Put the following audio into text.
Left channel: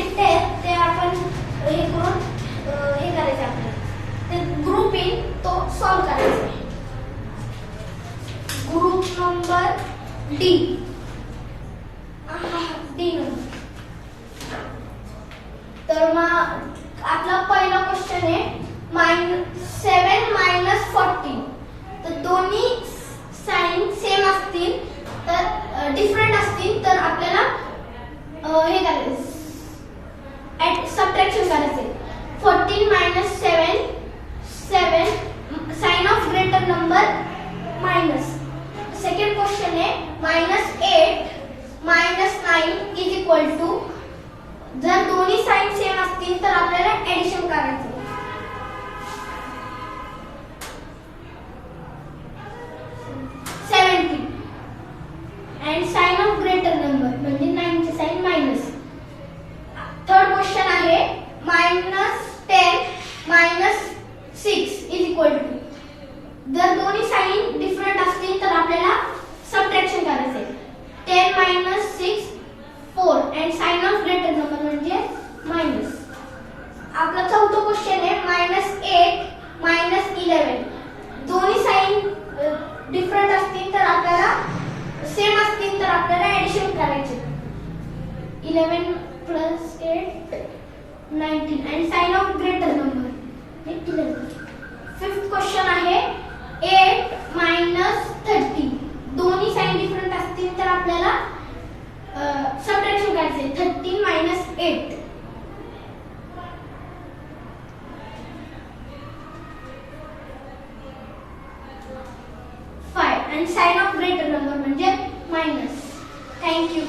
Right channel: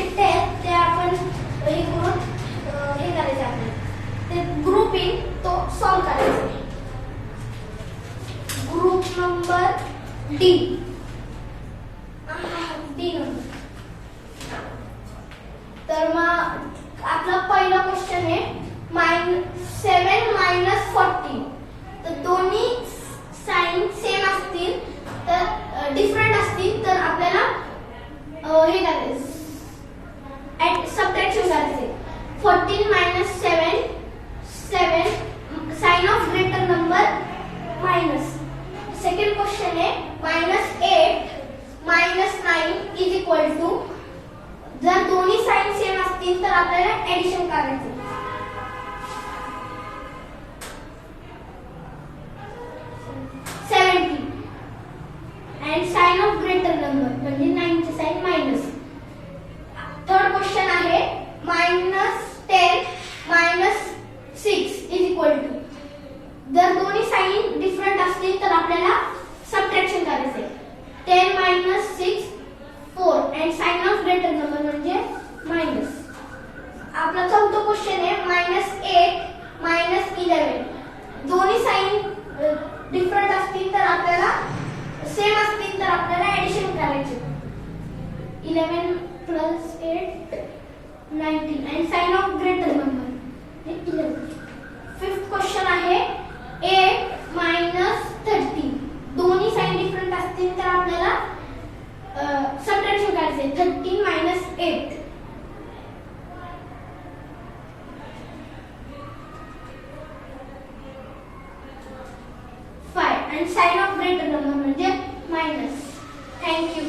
चिठ्ठ्या आहेत त्या आपण हे करून हे करायचे आपले ते ग्रुप इन तो सॉल्व करायचा. Group number D number. तर मग आपला पहिला क्वेश्चन आहे 7 - 14. तर दोन्ही साइन सेम असतील तर डिफरंट असतील तर आपल्याला हे करायचं सबट्रॅक्शन करायचे. 14 - 7 sign of greater number minus. Second question आहे -8 - 9 इज इक्वल टू. जर दोन्ही साइन सेम असतील तर आपल्याला एडिशन करायचं. 70 and sign of greater number म्हणजे 9 ची साइन मायनस. थर्ड क्वेश्चन आहे -10 - 6 इज इक्वल टू. जर दोन्ही साइन डिफरंट असतील तर आपल्याला सबट्रॅक्शन करायचे. 10 - 6 4 and sign of greater number म्हणजे मायनस. आपला चौथा क्वेश्चन आहे -8 - 11. दोन्ही साइन डिफरंट असतील तर आपल्याला सेम असतील तर आपल्याला एडिशन करायचे. 11 + 8 19 and sign of greater number 11. Fifth question आहे 8 - 30. दोन्ही साइन डिफरंट असतील तर आपल्याला सबट्रॅक्शन करायचे. 13 - 8 5 and sign of greater number म्हणजे मायनस. थँक्यू.